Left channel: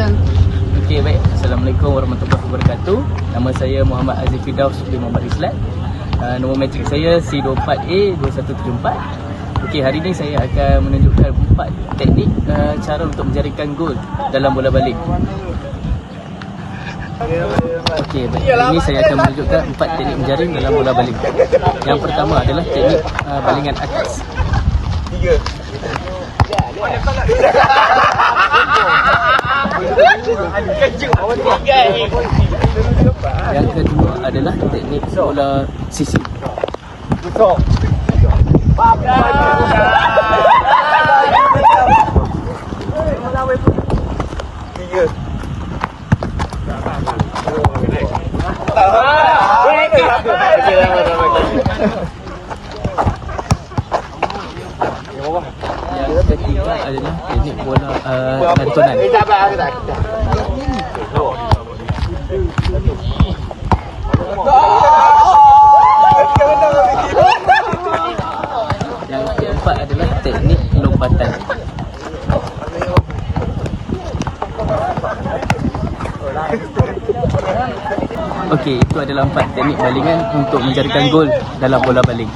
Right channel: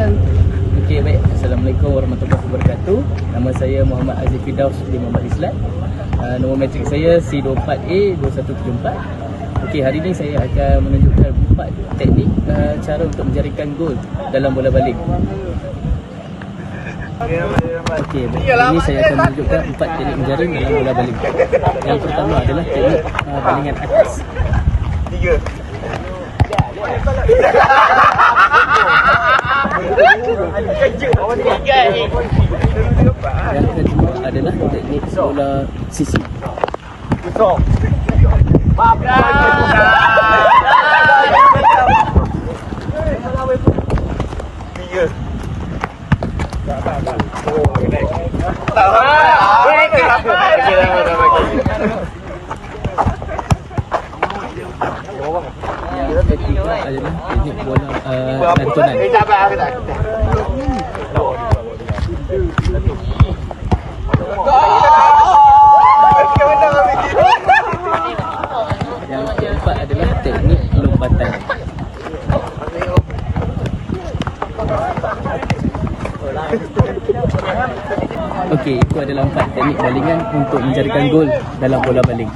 Silakan. Okey, baik. Assalamualaikum warahmatullahi wabarakatuh. Nama saya Muhammad Aziz Firdaus bin Muhammad Islat. Nombor matrik saya C24A2174. Okey, hari ini saya akan menunjukkan 4 teknik cara untuk menjaringkan gol dalam bola baling. Okey, baik. Hari ini saya akan menunjukkan 4 teknik menjaring dalam bola baling. Yang pertama adalah teknik balingan atas. Yang kedua adalah teknik bola sisi. Yang ketiga adalah teknik bola lantunan. Yang keempat adalah teknik lompatan. Okey, itu adalah 4 teknik balingan untuk menjaringkan gol dalam bola baling.